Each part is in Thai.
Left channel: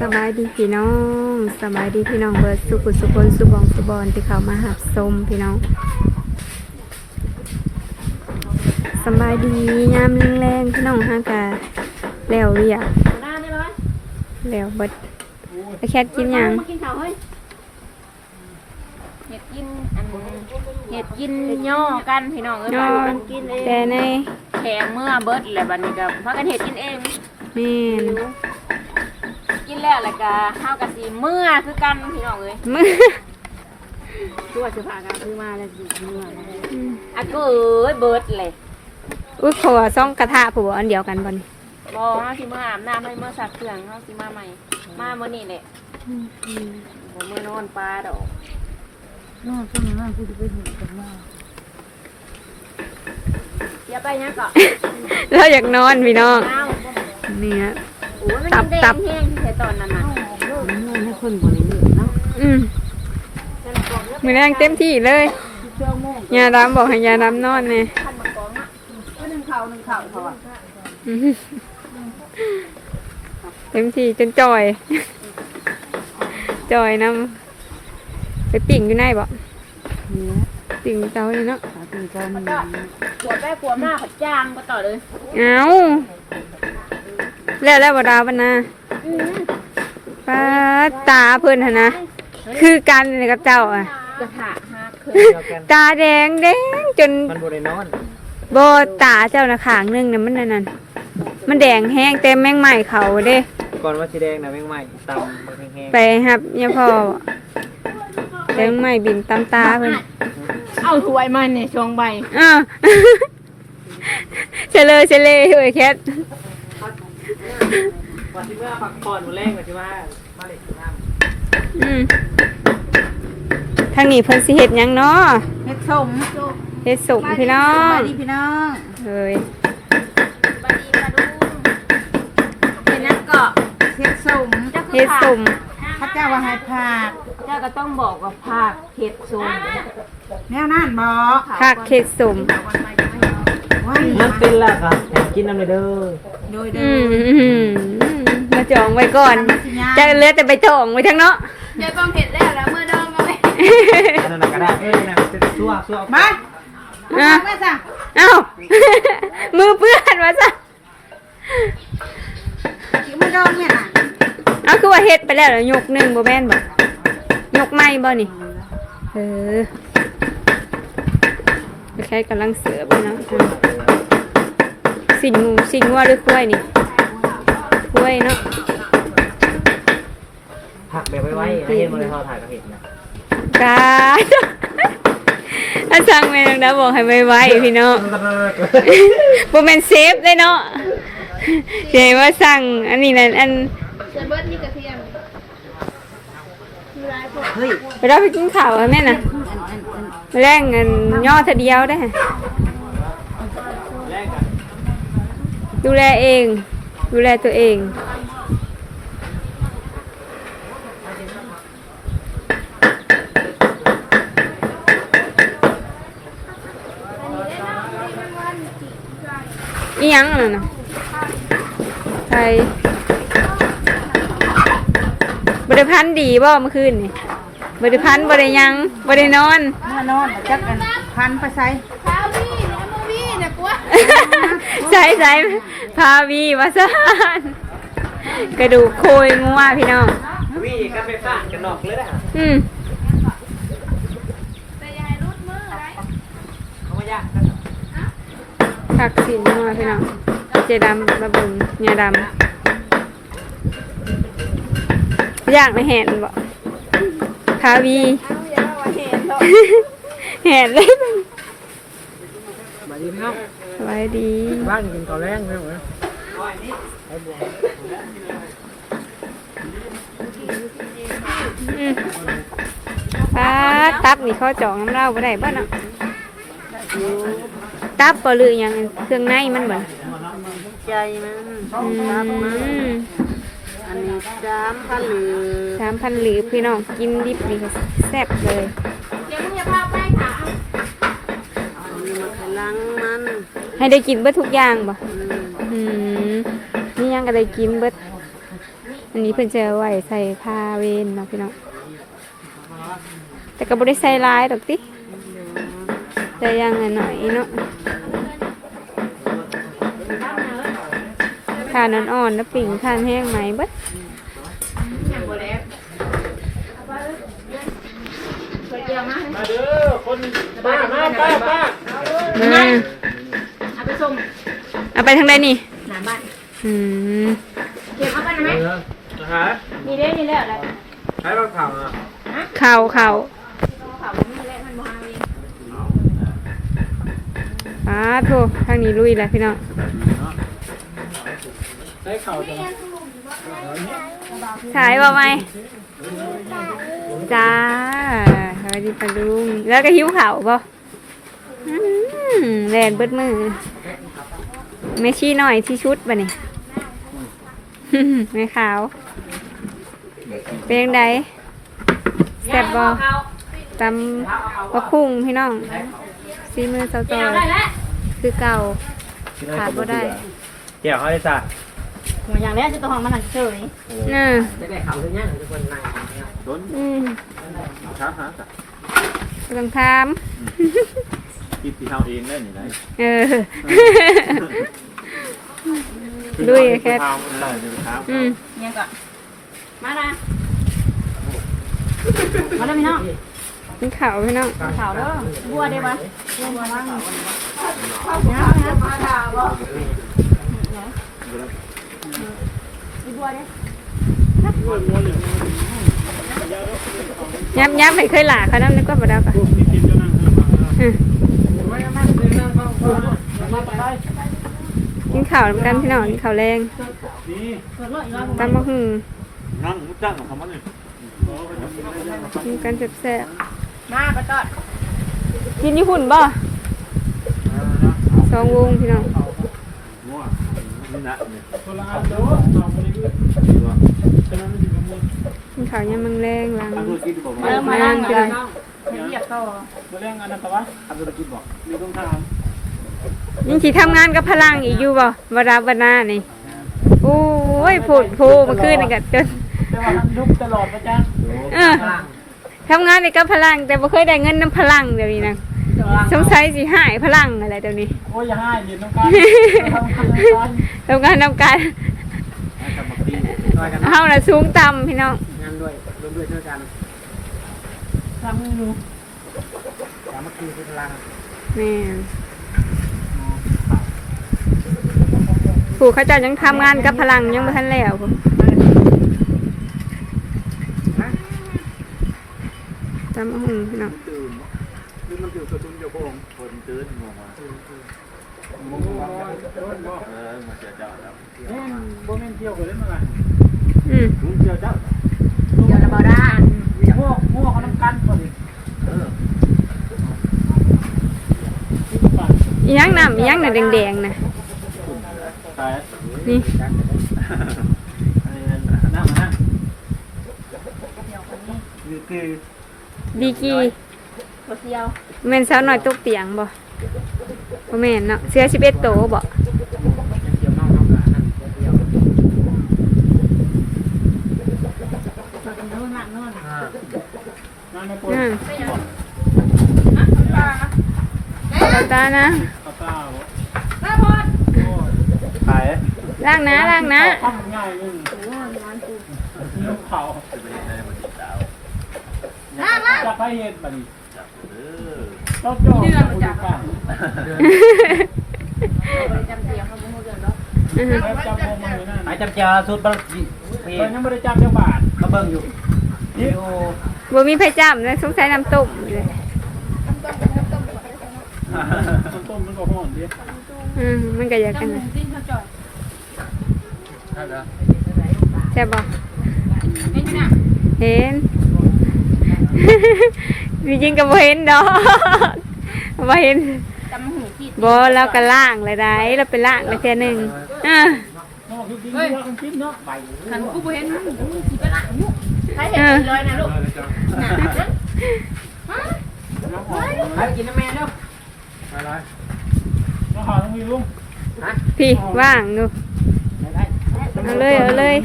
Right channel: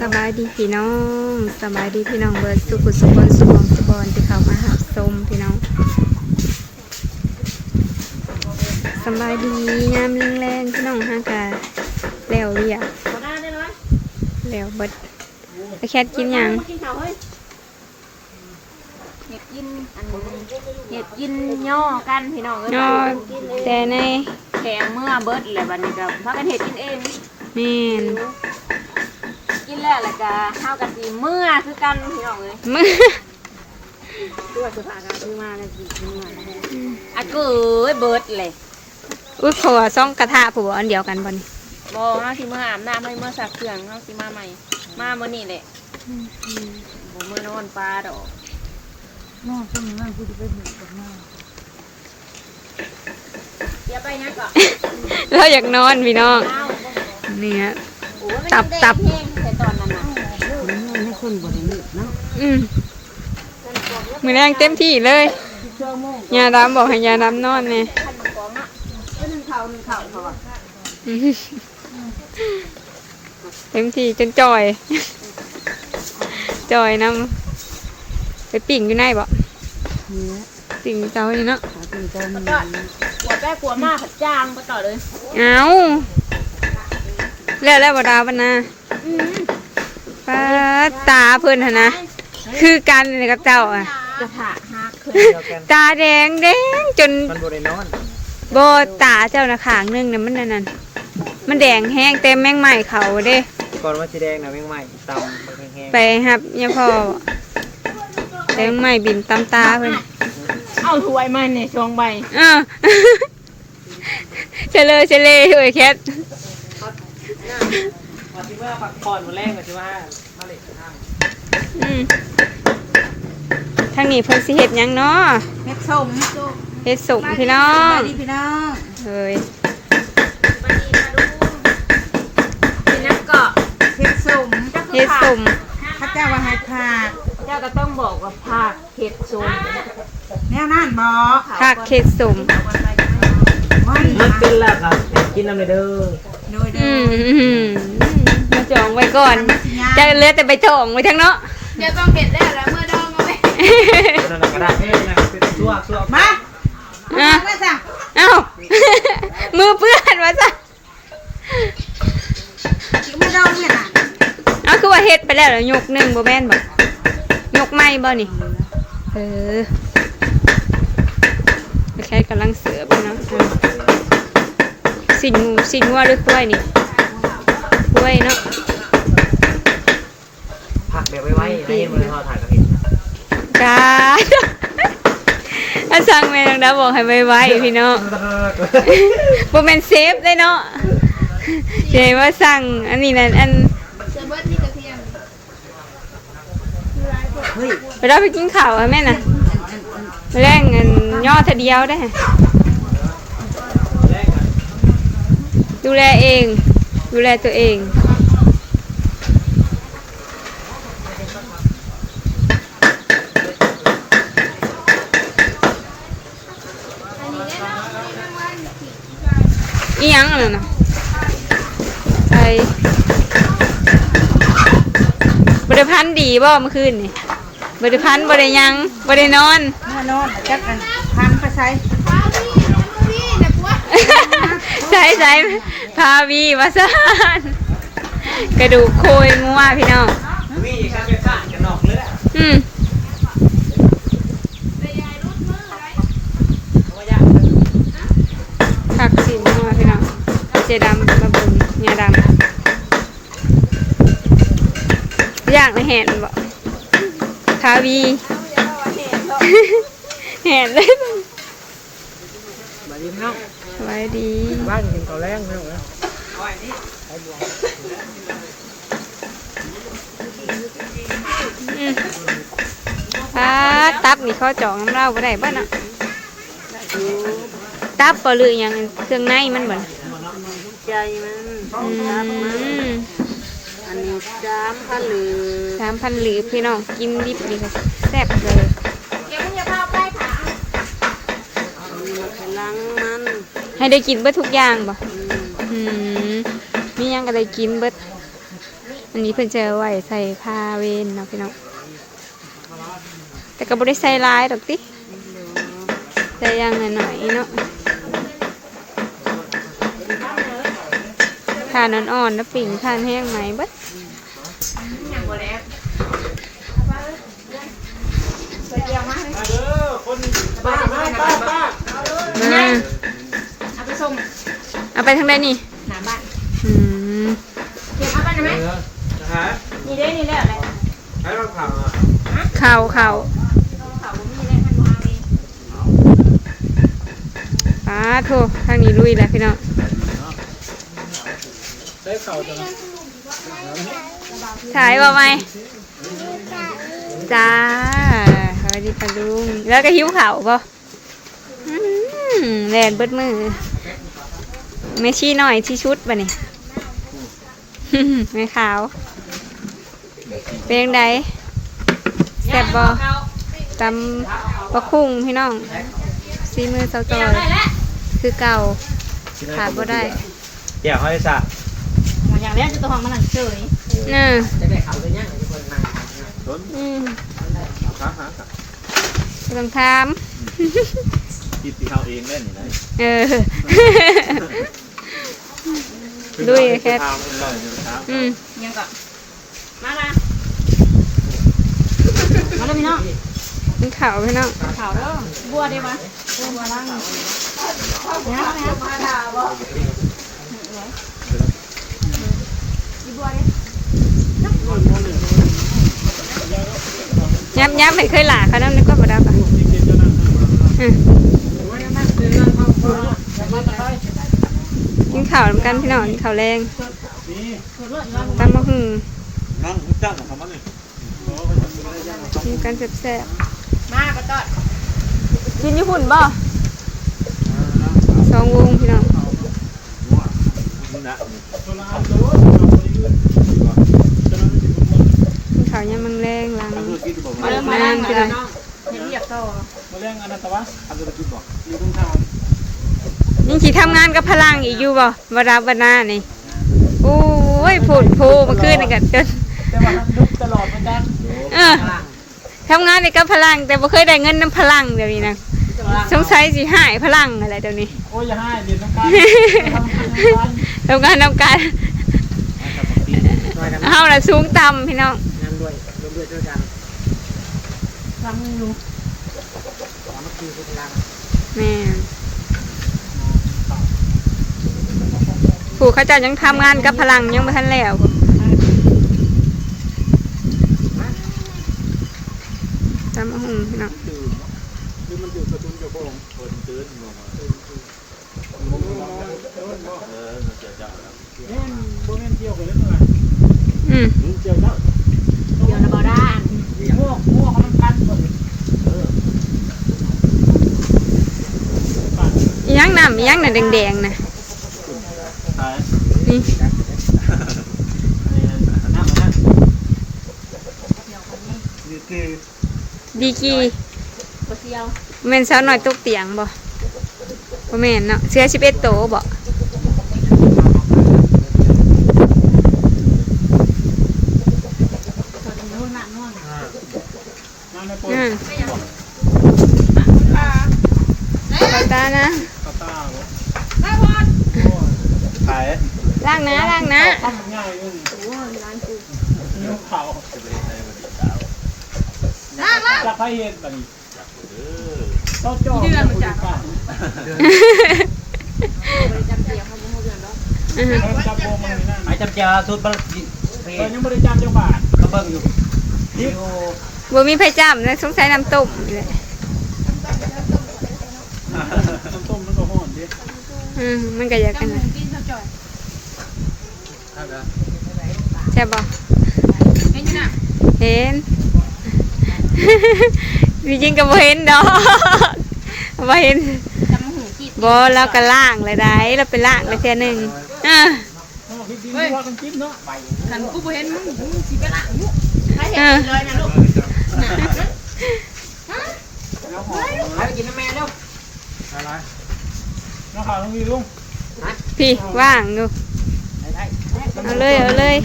สบายดีพี่น้องสบายดีพี่น้องเบิร์ดสุขุสุบนสุบองสุบอนที่เขามาหับสมพี่น้องสบายดีงามแรงๆพี่น้องฮากาแล้วเรียกแล้วเบิดไปแคทกินหยังเห็ดยินอันเห็ดยินย่อกันพี่น้องเอ้ยนอนแต่ในแข็งเมื่อเบิดแหละบัดนี้ก็พากันเห็ดกินเองแม่น กินแล้วแล้วก็เฮากับสิเมื่อคือกันพี่น้องเอ้ยมือตัวสิพากันซื้อมาเลยสิเมื่ออะก็เอ้ยเบิดเลยอุ้ยขอซ่องกระทะผัวอันเดียวกันบ่นี่บ่เฮาสิเมื่ออาบน้ำให้เมื่อสักเครื่องเฮาสิมาใหม่ มามื้อนี้แหละบ่มื้อโน่นปลาดอกอย่าไปยังก่อนเราอยากนอนพี่น้องอ้าวเนี่ยโอ้ยมันตับแดงตับ แห้ง แค่ตอนนั้นน่ะให้คนบริเนื้อเนาะอืมมือแรงเต็มที่เลยยาดำบอกให้ยาดำนอนเนี่ยขั้นบักกองอะหนึ่งเข่าหนึ่งเข่าเขาอะเต็มที่จนจอยจอยนำไปปิ่งอยู่ในบ่นี่นะปิ่งอยู่เตาอยู่เนาะขาตีกันขวดได้ขวดมากขัดจางก็ต่อเลย เอาแล้วแล้วบ่ดาวปะนะ ป้าตาเพิ่นหนนะ คือกันเลยกับเจ้าอะ กระถาหักขึ้นตาแดงแดงจนมันบริโนอนโบตาเจ้านะขางหนึงน่ะมันนั่นนั่นมันแดงแห้งเต็มแมงใหม่เขาเด้ ก่อนว่าสีแดงนะแมงใหม่ตำมันแห้งไปครับเนี่ยพ่อแตงใหม่บินตามตาเพิ่น เอาถ้วยมาเนี่ยชงใบอ้าวเฉลยเฉลยเฮ้ยแคทๆ ว่าที่เมื่อผักผ่อนมาแรงกับที่ว่ามาเล็ดน้อืมทางนี้เพิ่นสิเฮ็ดหยังเนาะเม็ดส้มเฮ็ดสุกพี่น้องดีพี่น้องเฮ้ยกินนั่นก็เม็ดส้มเฮ็ดสุมพระเจ้าว่าให้ผักเจ้าก็ต้องบอกว่าผักเห็ดส้มแนวนั่นบอกผักเฮ็ดสุมว่าำมันเป็นแล้วครับกินน้ำเลยเด้อโดยอืเดิมอืม มาจองไว้ก่อนจะเหลือแต่ไปจองไว้ทั้งเนาะเดี๋ยวต้องเห็ดแล้วแล้วเมื่อดองเอาไว้อันนั้นกระดาษเอ้ยนะเป็นชั่วชั่วมาอะแม่สั่งเอ้ามือเปื้อนวะจ้ะจิกไม่ดองเนี่ยน่ะเอาคือว่าเฮ็ดไปแล้วแล้วยกหนึ่งบ่แม่นบ่ยกไม่บ่นี่เออไปใช้กำลังเสือไปเนาะอะสินงูสินงัวหรือกล้วยนี่กล้ วยเนาะผักเดี๋ยวไว้ไว้ให้มือเขาถ่ายกันเห็นกาอาสั่งแม่นางดาบอกให้ไว้ๆพี่น้องบ่แม่นเซฟเลยเนาะเดี๋ยวว่าสั่งอันนี้นั่นอันเฮ้ยไปเราไปกินข้าวอะแม่น่ะแรงเงินย่อเทอเดียวได้อดูแลเอง ดูแลตัวเอง อีหยังอะไรนะใส่บริพันธ์ดีบ่เมื่อคืนนี่บริพันธ์บริยังบรินอนเมื่อนอนจักกันพันไปใส่ใส่ใส่ พาวีวาซานกระดูกโคยงัวพี่น้องวิ่งกันไปผ่านกันนอกเลยอืมผักสินงัวพี่น้องเจดำมาเบุงงาดำย่างในแหนบ่พาวีแหนเลยมา ดีพี่น้องสบายดีบ้านกินก่อนแรงใช่ไหมอืมปลาตับนี่เขาจองน้ำเหล้าบ่ได้บ่เนาะตับบ่หรือหยังเครื่องในมันบ่น่ะใจมันอืมอันนี้สามพันหรือสามพันหรือพี่น้องกินดิบนี่ก็แซ่บเลย ให้ได้กินเบิดทุกอย่างบ่อืมอืมมีหยังก็ได้กินเบิดอันนี้เพิ่นจะเอาไว้ใส่ผ้าเวนเนาะพี่น้อง แต่ก็บ่ได้ใส่หลายดอกติแต่อยังหน่อยๆเนาะทานอ่อนๆแล้วปิ่งทานแห้งไหมเบิดป้าป้าป้าป้ามาเอาไปส่ง เอาไปทางใดนี่หน้าบ้านอืมเก็บเอาไปไหมนะฮะนี่เด้นี่แหละอะไรใช้บางข่าวอะเข่าเข่าเขานี่แหละมันบ่เอาเองป้าโททางนี้ลุยแล้วพี่น้องใช้ข่าวจังฉายบ่ไหมจ้าสวัสดีปาลุง แล้วก็หิวข่าวบ่อืมแลนเบิดมือ แม่ชี้หน่อยที่ชุดบ่นี่ แม่ขาว เป็นยังไงแซ่บบ่ตำบะคุ้งพี่น้องซีมือเซาจอยคือเก่าขาดบ่ได้เดี๋ยวเขาให้ซะอย่างแรกจะตัวห้องมันหนังเฉยเน่ะจะได้ข่าวเลยเนี่ยทุกคนนั่งอืมครับฮะบ่ต้องถามคลิปที่เขาเองเล่นนี่นะเออ ลุยแค่เออเดี๋ยวไปถามอืมยังก่อนมาละมาเลยพี่น้องกินข้าวพี่น้องข่าวเด้อบัวได้ปะบัวมาล้างนะนะอีบัวเด้ย้ำย้ำให้เคยหลาเขาน้ำนึกว่าบ่ได้ปะอืม กินข้าวนำกันพี่น้องกินข้าวแรงตำมะฮึ่งนั่งตั้งของเขามันเลยกินกันแซ่บมาปะตอดๆกินญี่ปุ่นบ่สองวงพี่น้องนี่นะนี่กินข้าวยำมังแรงหลังทำธุรกิจบอกเริ่มมานั่งพี่น้องให้เรียกต่อมาเรื่องอนันตวะทำธุรกิจบอกมีต้องท ยังสิทำงานกับพลังอีกอยู่บ่บ่รับบ่หน้านี่โอ้ยพูดโพเมื่อคืนนี่ก็จนำแต่ว่าทำยุบตลอดไปจ้ะเออทำงานในกับพลัง แต่บ่เคยได้เงินน้ำพลังเดี๋ยวนี้นะสงสัยสิหายพลังอะไรเดี๋ยวนี้โอ้ยอย่าให้เดี๋ยวต้องการทำงานทำงานทำการเฮาน่ะสูงต่ำพี่น้องงานด้วยร่วมด้วยช่วยกันทำมืออยู่สามัคคีคือพลังแม่ ผู้เขาเจะยังทำงานกับพลังยังบ่ทันแล้วพุ่นจำเอาหงพี่น้องตื่นหรือมันตื่นกระตุ้นเจ้าของคนตื่นมองมาเออมาเจอเจ้าแล้วนี่โบเมนเที่ยวกันเล่นอะไรอืมลุงเจอเจ้าเดี๋ยวระบอด้านพวกพวกเขาต้องกันก่อนดิเอออีหยังน้ำอีหยังน่ะแดงๆน่ะ ตายนี่อันนี้น้ำมันนะนี่คือดีกีบัวเซียวแม่นสาวน้อยตกเตียงบ่บ่แม่นเนาะเสื้อ11โตบ่งานในปนอืมตาตานะตาตาโอ้ ขายล้างนะล้างนะทำง่ายนึงนิ้วเผาจะไปในวันที่ดาวจากไทยเห็นบัดนี้จับเออเจ้าจ้องผู้จัดการจำเสียงเขาบ่ฮู้เรื่องดอกอือฮึแล้วจับโบมันนี่นั่นไอ้จำเจาสุดบลปีเพิ่นยังไม่ได้จับจังบาทเขาเบิ่งอยู่วิดีโอบ่มีไผจ้ำนะสงสัยน้ำต้มนี่แหละต้นต้มมันก็ห่อนดิ อืมมันก็อยากกันนะกินข้าวจ่อยท่านนะใช่บ่เห็นอยู่น่ะเห็นจริงๆก็บ่เห็นดอกบ่เห็นจำหูกินบ่เราก็ล่างเลยได้เราไปล่างเลยเทื่อหนึงอ่านอกที่จริงว่ากันจริงเนาะคันกูบ่เห็นมึงมึงสิไปล้างลูกถ้าเห็นเลยนะลูกแล้วหอมไปกินน้ำแม่เนาะอะไร พี่ว่างอยู่เอาเลยเอาเลย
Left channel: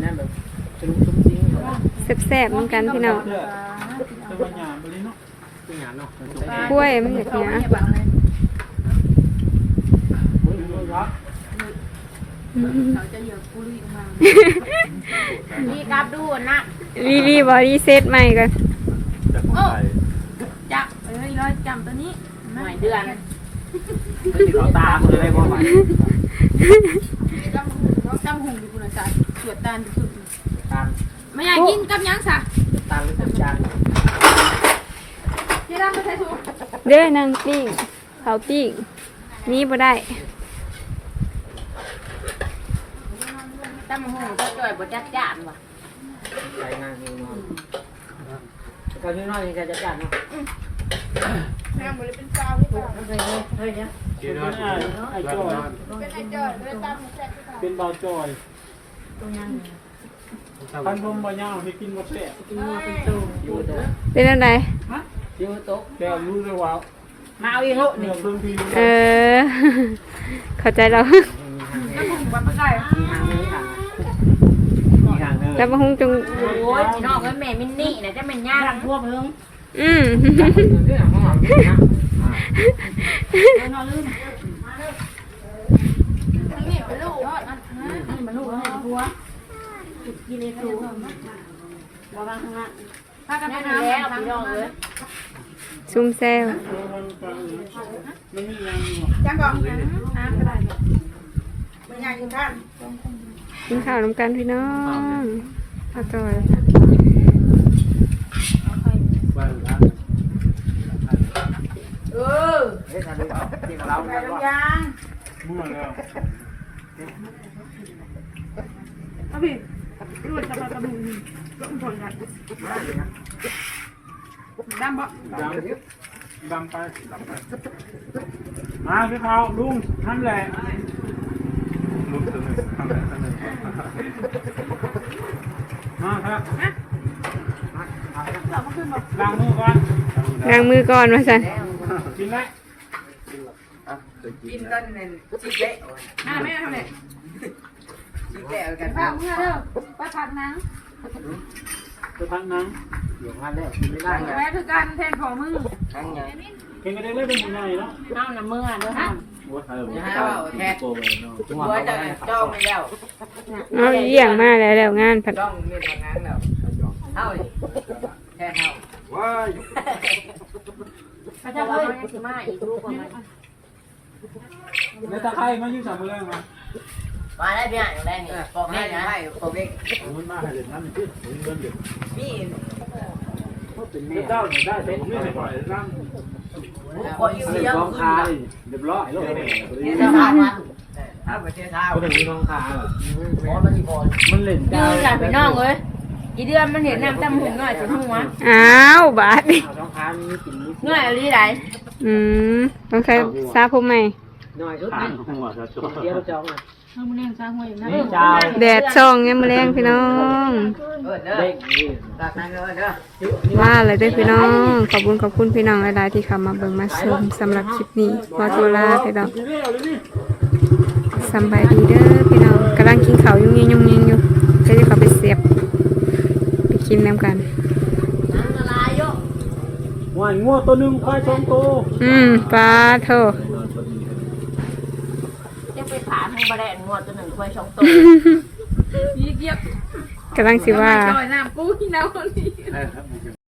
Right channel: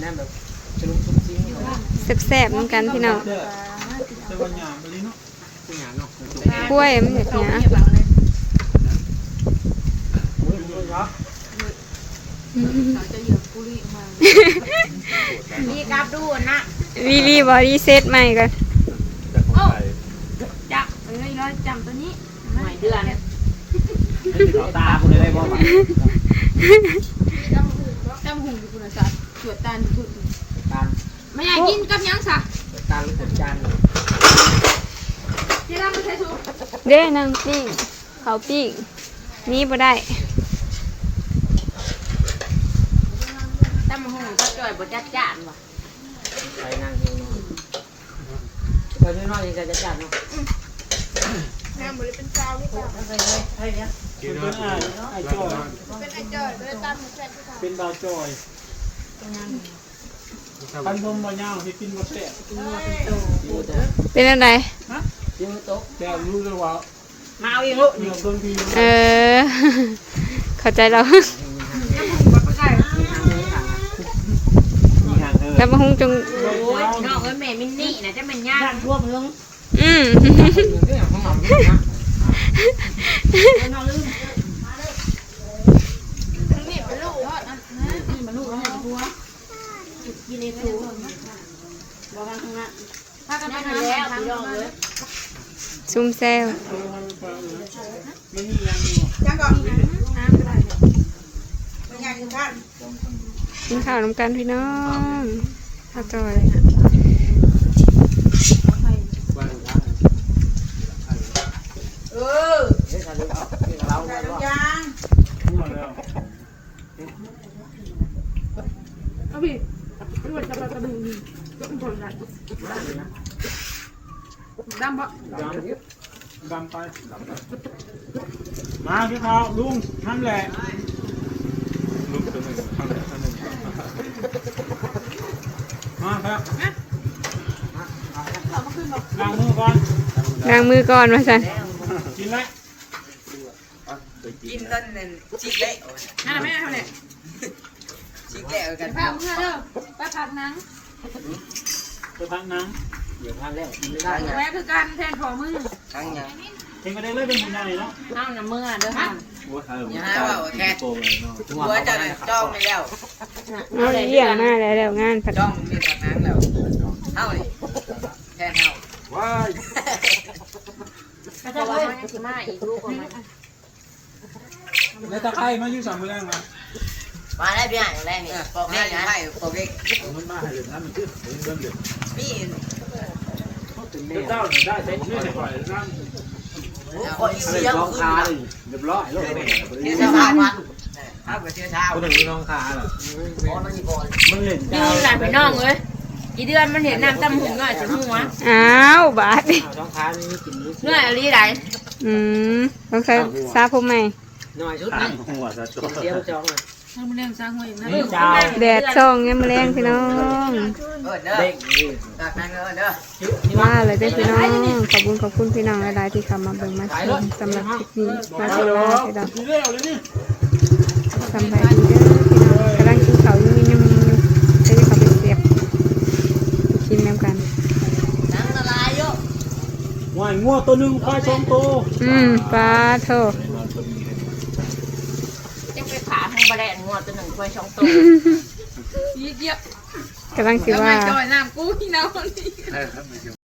เนแบรซ่บๆเหมือนกันพี่น้องเนาะผู้หเนากล้วยมันอยากหยาโอ้นก็รีกับดูนะรีรีบอดี้เซตใหม่กัน เอ้ยร้อยจำตัวนี้หน่อยเดือนเอาตาคุณเลยบ่ไหวจำหุ่งอยู่คุณศาสตร์ตรวจตาสุดตาลไม่อยากกินกับยังสะตาลเป็นจานที่ร้านไม่ใช่ชูเด้อนางปิ้งเขาปิ้งนี่บ่ได้ตำหูก็จ่อยบ่จัดจ้านว่ะใส่นั่งหิวนอนตอนนี้นอนยังจะจานเนาะ กินได้ไอ้จอยเป็นดาวจอยพันพมบ่ยาวให้กินบ่แซ่บอยู่แต่เป็นอะไรยูโต๊ะแต่รู้เลยว่ามาเอาเองลูกเดี๋ยวเพิ่งพี่เออเข้าใจเรามีทางนี้ทางนี้ทางมีทางเดินแล้วมาหุงจงโอ้ยนองเอ้ยแม่มินนี่นะจะเป็นย่างทั่วเมืองอืมเรื่องของเรานะนี่เป็นลูกยอดนั่นนี่เป็นลูกนี่ตัวกินในตัวบอกว่าข้างหน้าถ้ากันไปย่าแล้วทางพี่ง อ้ยซุ่มแซวมันมีอย่างอยู่จังก่อนน้ำก็ได้เป็นยังกันกินข้าวน้ำกันพี่น้องข้าวจอย บ้านท่านเออเฮ้ยเราดูเอาเกี่ยวเราเนี่ยว่ายังพูดแล้วเอาพี่รวดกระบะกระดูนี่ก็ผลกันดำบ่ดำดำไปดำไป มาพี่เขาลุงท่านแหละลุงตัวหนึ่งท่านแหละท่านหนึ่งมาครับ ล้างมือก่อนล้างมือก่อนมาสันกินแล้วกินต้นนั้นชิเละนั่นแม่ทำเลยชิเละกันป้าเมื่อเด้อป้าผักนังจะพักนังเดี๋ยวพันแล้วกินไม่ได้แม่คือการแทนพอมึงทั้งยังเก่งก็ได้เลยเป็นผู้ใหญ่เนาะห้ามน้ำมือเด้อห้ามโอ้ยเอออย่าหาว่าแค่โตเลยเนาะหัวจะจ้องไม่แล้วเอาเยี่ยงมาแล้วแล้วงานผัดจ้องมีทางนั้นแล้วเท่าดิ แค่เท่าว้ายเพราะว่าเขายังสิมาอีกลูกคนนั้นแล้วตะไคร้มาอยู่สามมือแรงมามาได้พี่ใหญ่แรงนี่ปอกให้นะให้ปอกเล็กมันมาให้เด็ดน้ำมันขึ้นเริ่มเด็ดมีเจ้าเนี่ยได้สองนี่ปล่อยน้ำขออีเสียงขึ้นเรียบร้อยแล้วเที่ยวเช้าพันถ้าไปเที่ยวเช้าคนหนึ่งมีน้องคาเหรอมันอีพอมันเล่นยืนกันพี่น้องเอ้ย อีเดือนมันเห็นน้ำตำหูหน่อยจนหัวอ้าวบาดดิน้องคานมีกินมีเหนื่อยอะไรไหนอืมต้องใช้ซาผมใหม่หน่อยชุดทานี้งหัวจะจอเสียจองอะทำเรื่องสร้างหัวอีกนะนี่เจ้าแดดช่องยังมาแรงพี่น้องเออเด้อเด็กนี่จากนั้นเออเด้อว่าเลยเด้อพี่น้อง ขอบคุณขอบคุณพี่น้องหลายๆที่เข้ามาเบิ่งมาชมสำหรับคลิปนี้มาโซลาพี่น้องเรื่องอะไรนี่สำบายดีเด้อพี่น้องกำลังกินข้าวยุ่งยิงยุ่งยิงอยู่จะได้เข้าไปเสียบ ไปกินน้ำกันวายงัวตัวหนึ่งควายสองตัวอืมปลาโถยังไปขาทางบะแดนงวดตัวหนึ่งควายช่องโตยี่เกียบกำลังสิว่า จอยน้ำกูที่น้ำนี่เออครับไม่เกี่ยว